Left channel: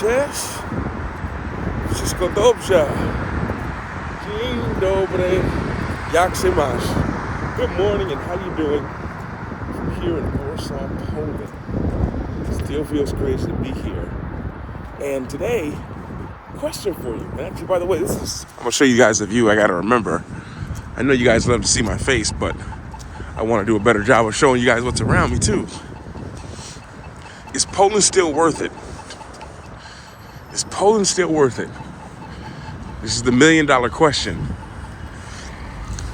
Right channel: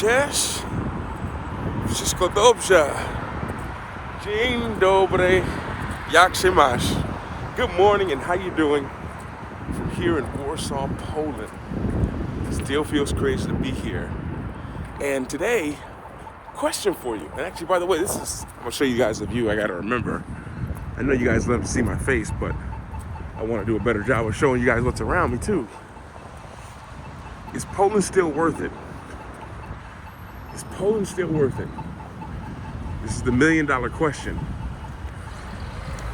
Cześć, wszystko dobrze. Dzień dobry, jak się masz? Good morning, and how you doing? From here in Warsaw, Poland. Still feels crazy to be here. And today, question for you. And actually, by the way, I'm gonna show you guys a view I gotta remember. I know you guys love to see my face, but I wanna do a better job of showing you guys what's around me too. Is Poland still worth it? Is Poland still worth it? This is the $1 million question.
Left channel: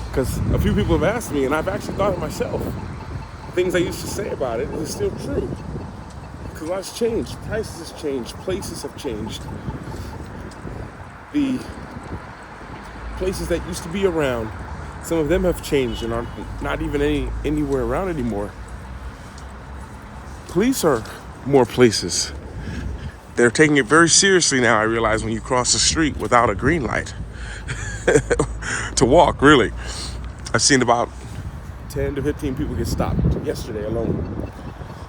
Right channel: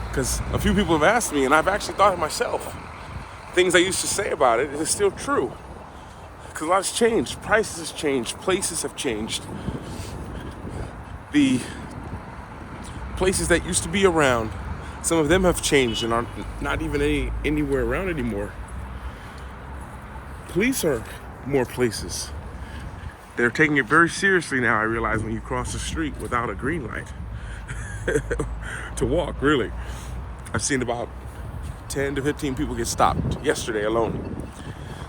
Because a few people have asked me, and I've actually thought it myself. Things I used to say about it is still true. Because a lot has changed. Prices have changed. Places have changed. The places that used to be around, some of them have changed and are not even anywhere around anymore. Police are more places. They're taking it very seriously now, I realize, when you cross the street without a green light. To walk, really. I've seen about 10 to 15 people get stopped yesterday alone.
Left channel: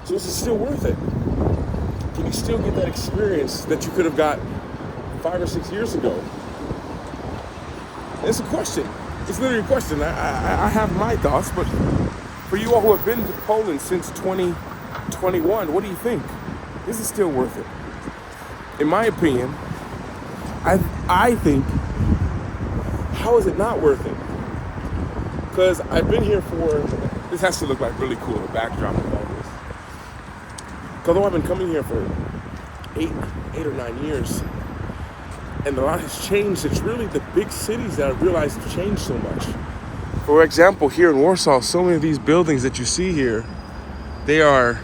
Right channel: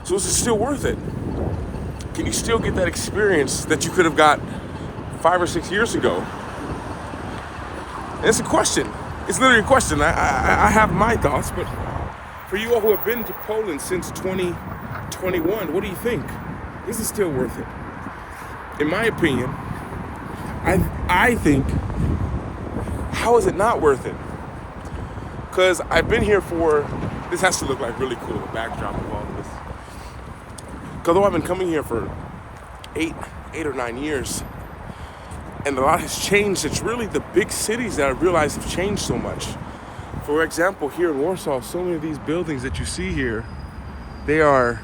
So is it still worth it? Can you still get that experience that you could have got 5 or 6 years ago? And it's a question. It's literally a question. I have my thoughts, but for you all who have been to Poland since 2021, what do you think? Is it still worth it? In my opinion, I think, how is it not worth it? Because I've been here this has to look like really cool, the backdrop of all this. Because although I've been coming here for eight or 9 years, and a lot has changed, it's really the big cities that I realize have changed so much. For example, here in Warsaw, so many of these buildings that you see here, they are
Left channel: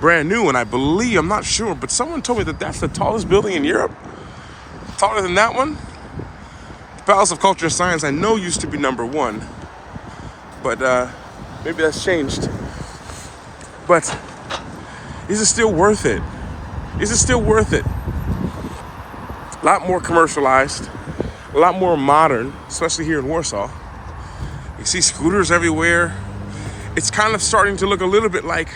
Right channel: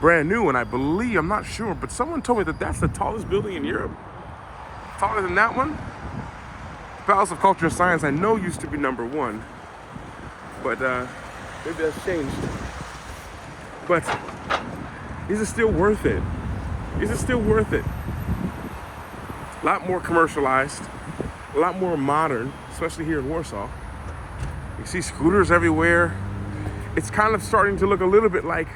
brand new, and I believe, I'm not sure, but someone told me that that's the tallest building in Europe. Taller than that one. The Palace of Culture and Science, I know, used to be number one, but maybe that's changed. But is it still worth it? Is it still worth it? A lot more commercialized, a lot more modern, especially here in Warsaw. You see scooters everywhere. It's kind of starting to look a little bit like,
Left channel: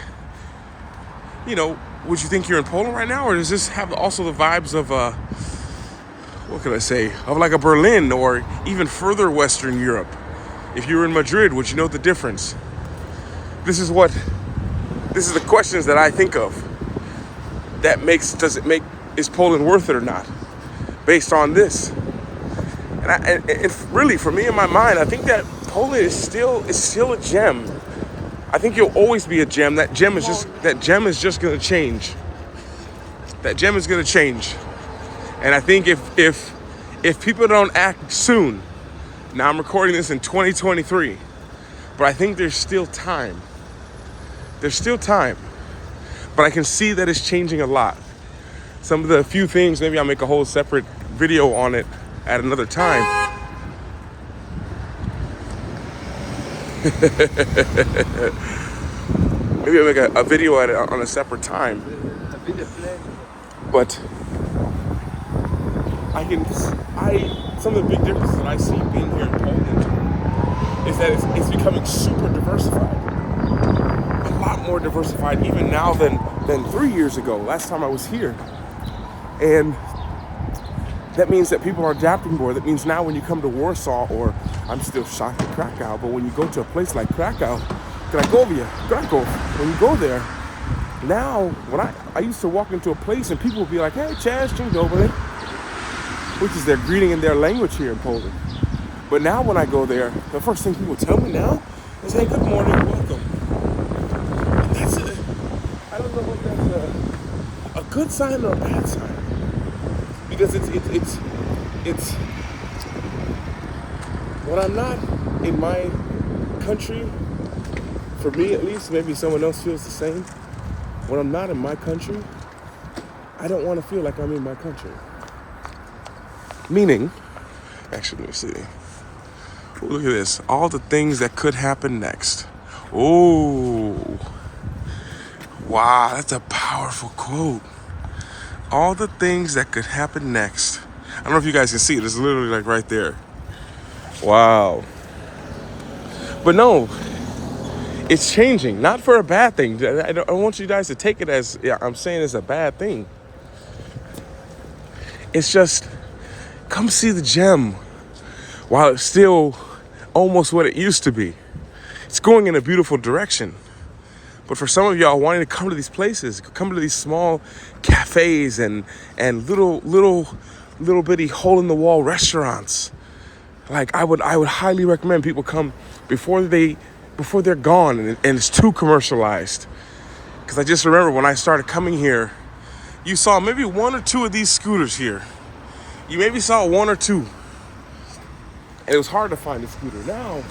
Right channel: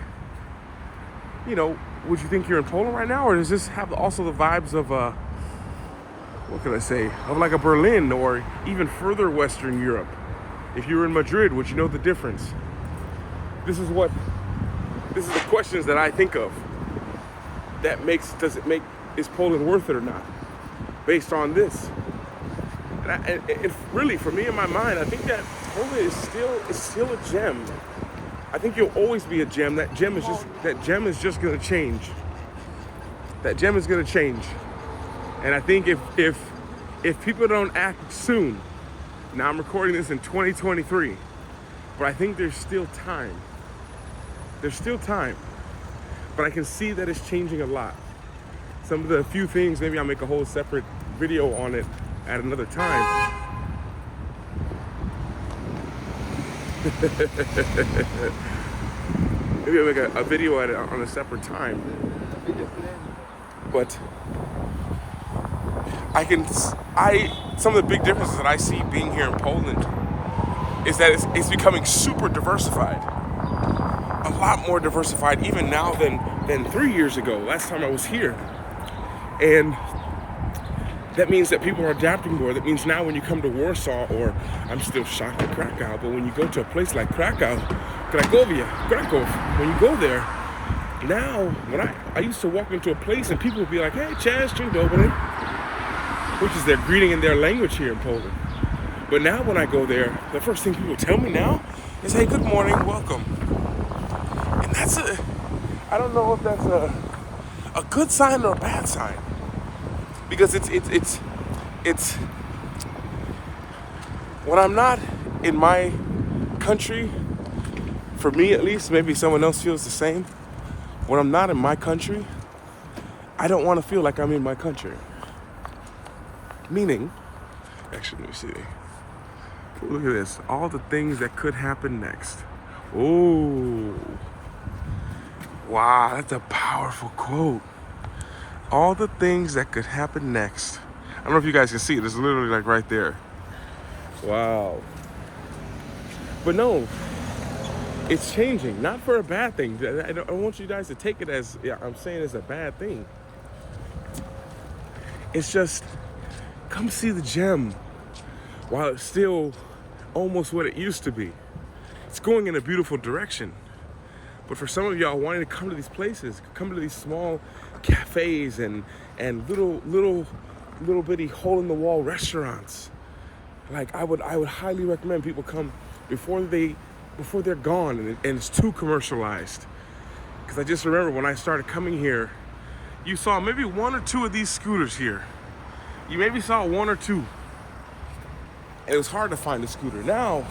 would you think you're in Poland right now? Or does this have also the vibes of what could I say? Of like a Berlin or even further Western Europe? If you were in Madrid, would you know the difference? This is the questions that I think of. Is Poland worth it or not? Based on this. And really, for me, in my mind, I think that Poland is still a gem. I think you'll always be a gem. That gem is just gonna change. That gem is gonna change. And I think if people don't act soon, now I'm recording this in 2023, but I think there's still time. There's still time. But I can see that it's changing a lot. Some of the few things, maybe I'll make a whole separate video on it at another time. Maybe I'll make a video at it on a separate time. But some of the big differences that I see being here in Poland is that it's becoming super diversified. A lot more diversified even now than 3 years ago, last time I was here. And that means that people are adapting more. That means now when you come to Warsaw, or I'm still shocked at Krakow, but when you go to a place like Krakow, Krakow, when you go there, now when I used to walk into a place and people would be like, hey, cześć, dzień dobry, which is their greeting in their language here in Poland. But now when I go there, the first thing people tell me now is, hey, good morning, welcome. And I don't know if that's a good sign or a bad sign. Because it's when I'm not in my country, for me at least, maybe someone else feels the same. When I'm not in my country, I don't want to feel like I'm in my country. Meaning, actually, let me see. Ooh, look at this. All the things that could happen next. Oh, wow, that's a powerful quote. All the things that could happen next. I don't know if you guys can see it. It's literally like right there. Wow. But no, it's changing, not for a bad thing. I don't want you guys to take it as, I'm saying it's a bad thing. It's just, come see the gem while it's still almost what it used to be. It's going in a beautiful direction. But for some of y'all wanting to come to these places, come to these small cafes and little bitty hole in the wall restaurants, like I would highly recommend people come before they're gone and it's too commercialized. Because I just remember when I started coming here, you saw maybe one or two of these scooters here. You maybe saw one or two. And it was hard to find a scooter. Now,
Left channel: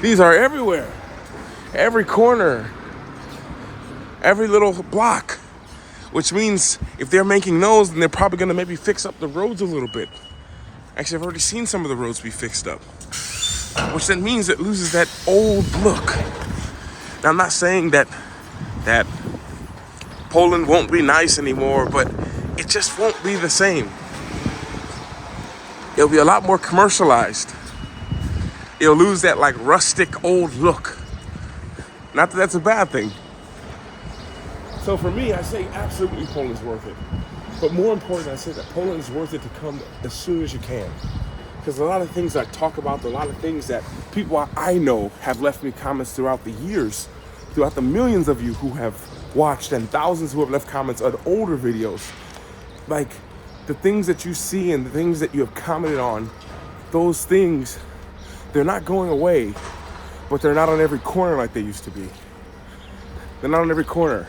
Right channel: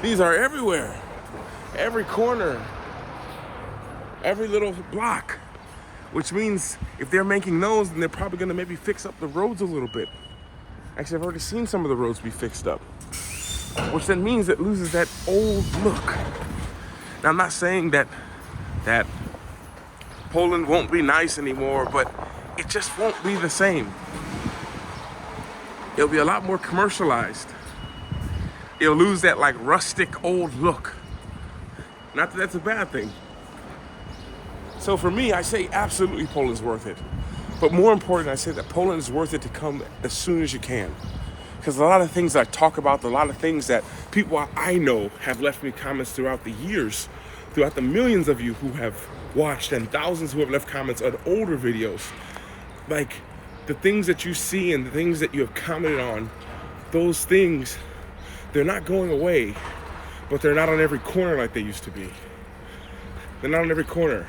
these are everywhere. Every corner, every little block. Which means if they're making those, then they're probably gonna maybe fix up the roads a little bit. Actually, I've already seen some of the roads be fixed up. Which then means it loses that old look. Now, I'm not saying that Poland won't be nice anymore, but it just won't be the same. It'll be a lot more commercialized. It'll lose that like rustic old look. Not that that's a bad thing. So for me, I say absolutely Poland's worth it. But more important, I say that Poland is worth it to come as soon as you can. Because a lot of things I talk about, a lot of things that people I know have left me comments throughout the years, throughout the millions of you who have watched and thousands who have left comments on older videos. Like the things that you see and the things that you have commented on, those things, they're not going away, but they're not on every corner like they used to be. They're not on every corner.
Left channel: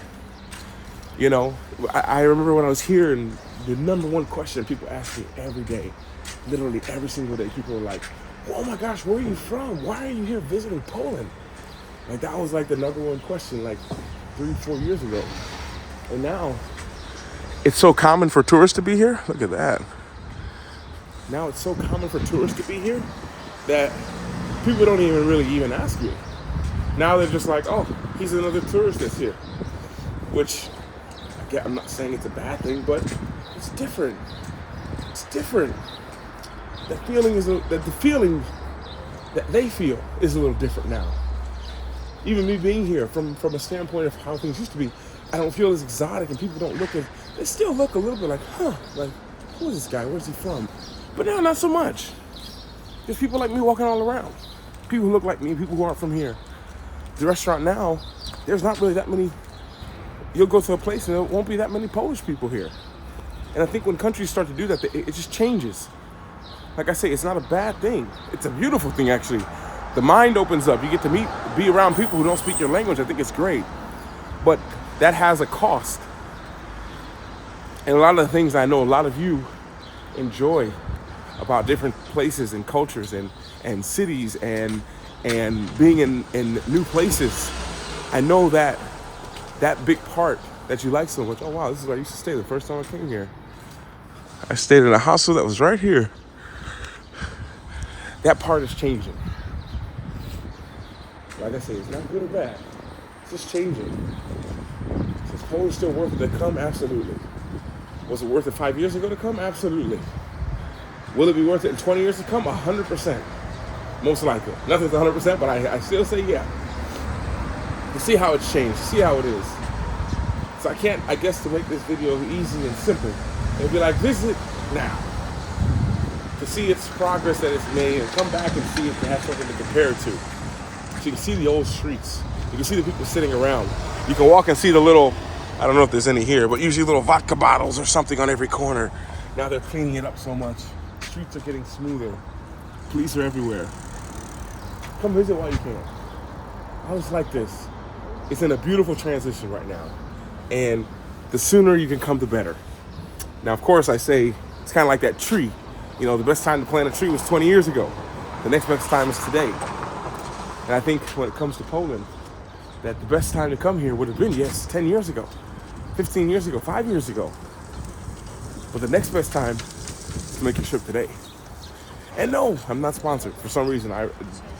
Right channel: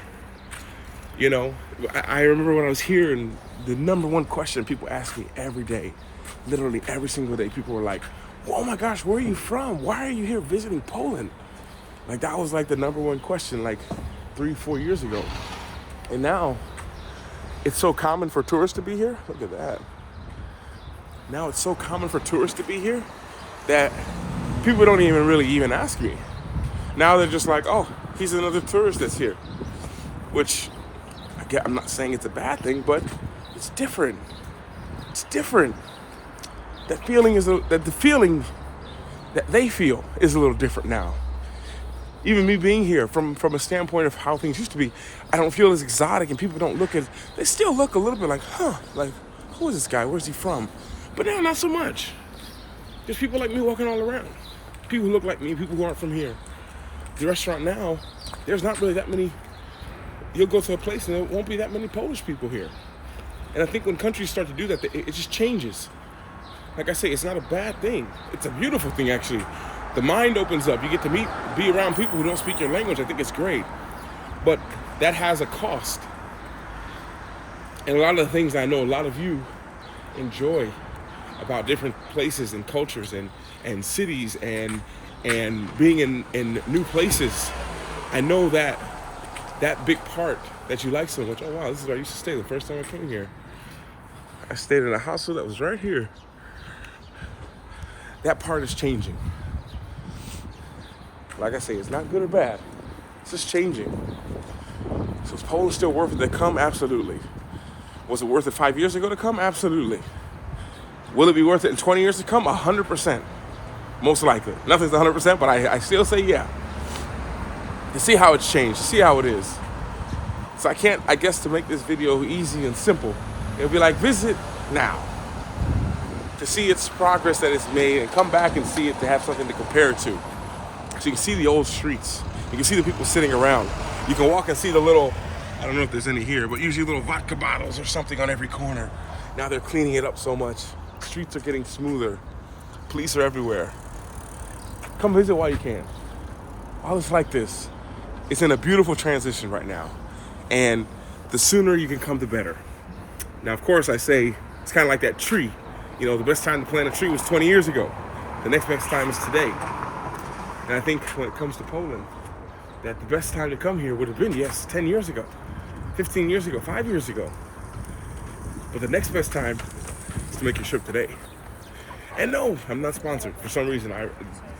You know, I remember when I was here and the number one question people asked me every day, literally every single day, people were like, oh my gosh, where are you from? Why are you here visiting Poland? Like that was like the number one question like 3-4 years ago. And now it's so common for tourists to be here. Look at that. Now it's so common for tourists to be here that people don't even ask me. Now they're just like, oh, he's another tourist that's here. Which, again, I'm not saying it's a bad thing, but it's different. It's different. The feeling that they feel is a little different now. Even me being here, from a standpoint of how things used to be, I don't feel as exotic, and people don't look they still look a little bit like, like, who is this guy? Where's he from? But now, not so much. There's people like me walking all around. People who look like me, people who aren't from here. The restaurant now, there's not really that many. You'll go to a place and there won't be that many Polish people here. And I think when countries start to do that, it just changes. Like I say, it's not a bad thing. It's a beautiful thing, actually. The mind opens up. You get to be around people who don't speak your language. I think it's great. But that has a cost. And a lot of the things I know a lot of you enjoy about different places and cultures and cities and being in new places, I know that big part that you like so much. Oh wow, this is where I used to stay the first time I came here. I stayed in a hostel that was right here. That part is changing. Like I say, it's not good or bad. It's just changing. So is Poland still worth it to come? Absolutely. Was it worth it 5 years ago to come? Absolutely. Will it be worth it in 20 years to come? 100%. Most likely. Nothing's 100%, but I still say yeah. To see how it's changed, to see how it is. So I guess to make this video easy and simple, it'd be like, visit now. To see its progress that it's made and come back and see it to have something to compare it to. So you can see the old streets. You can see the people sitting around. You can walk and see the little, I don't know if there's any here, but usually little vodka bottles or something on every corner. Now they're cleaning it up so much. Streets are getting smoother. Police are everywhere. Come visit while you can. All it's like this. It's in a beautiful transition right now. And the sooner you can come, the better. Now, of course, I say, it's kind of like that tree. You know, the best time to plant a tree was 20 years ago. The next best time is today. And I think when it comes to Poland, that the best time to come here would have been, yes, 10 years ago, 15 years ago, 5 years ago. But the next best time is to make a trip today. And no, I'm not sponsored. For some reason,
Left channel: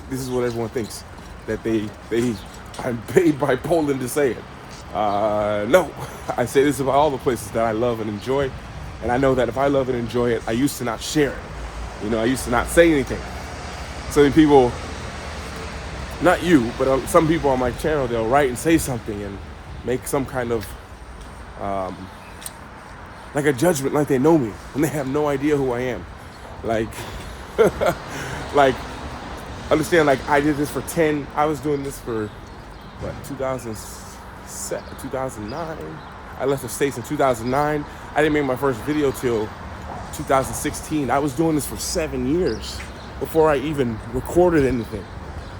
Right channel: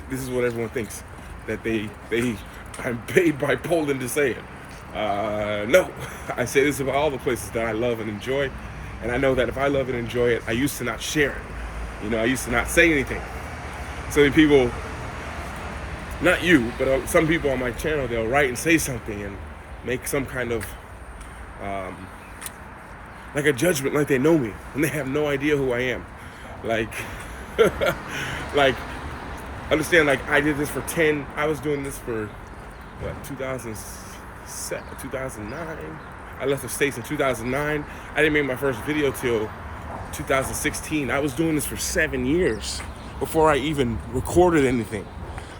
this is what everyone thinks, that I'm paid by Poland to say it. No, I say this about all the places that I love and enjoy. And I know that if I love and enjoy it, I used to not share it. You know, I used to not say anything. So many people, not you, but some people on my channel, they'll write and say something and make some kind of like a judgment, like they know me, and they have no idea who I am. Like, like, understand, like, I did this for 10, I was doing this for, what, 2009? I left the States in 2009. I didn't make my first video till 2016. I was doing this for 7 years before I even recorded anything.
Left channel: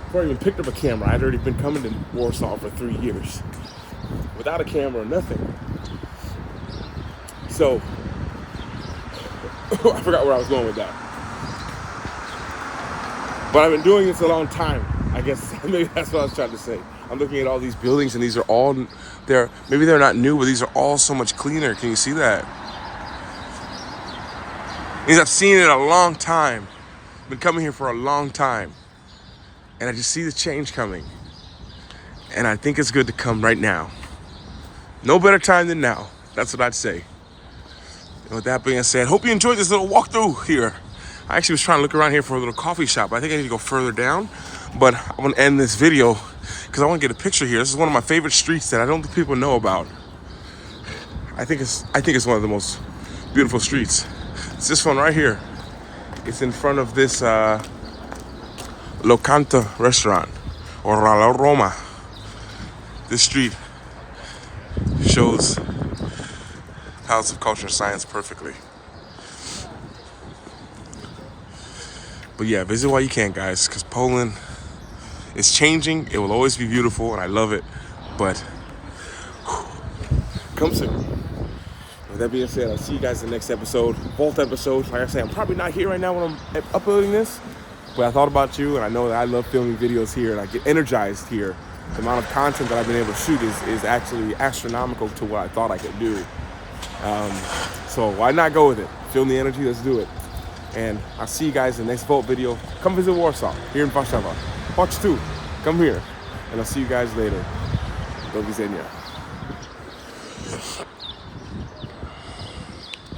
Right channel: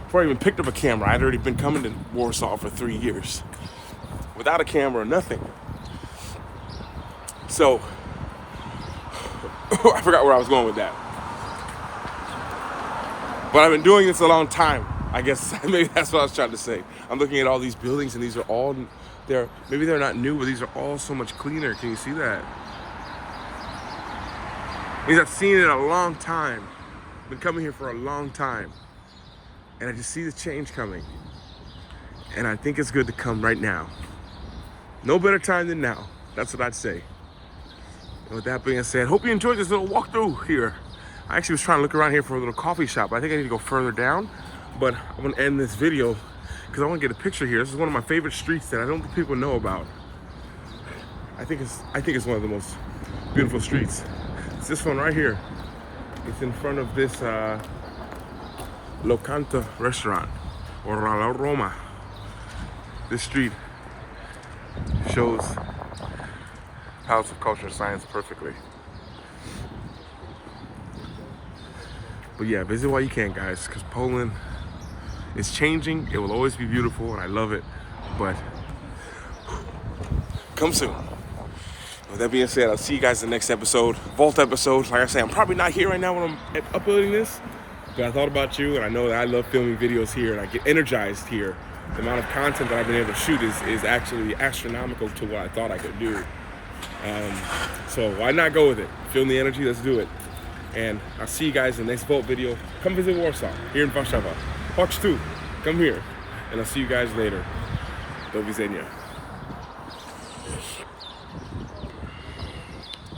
Before I even picked up a camera, I'd already been coming to Warsaw for 3 years. Without a camera, nothing. So, I forgot where I was going with that. But I've been doing this a long time. I guess maybe that's what I was trying to say. I'm looking at all these buildings, and these are all, maybe they're not new, but these are all so much cleaner. Can you see that? Means I've seen it a long time. Been coming here for a long time. And I just see the change coming. And I think it's good to come right now. No better time than now. That's what I'd say. And with that being said, hope you enjoyed this little walkthrough here. I actually was trying to look around here for a little coffee shop. I think I need to go further down. But I'm going to end this video because I want to get a picture here. This is one of my favorite streets that I don't think people know about. I think it's one of the most beautiful streets. It's this one right here. It's in front of this Locanta restaurant, or La Roma. This street shows Palace of Culture and Science perfectly. But yeah, visit while you can, guys, because Poland is changing. It will always be beautiful, and I love it. But come soon. With that being said, I'll see you guys in the next episode, Vault episode. Like I say, I'm probably not here right now when I'm uploading this, but I thought about you, and I know that I love filming videos here, and I get energized here. The amount of content that I've been able to shoot is actually astronomical to what I thought I could do. So why not go with it? Feel the energy, let's do it. And I'll see you guys in the next Vault video. Come visit Warsaw, here in Warszawa. Watch 2, come here. And I'll see you guys later. Do widzenia.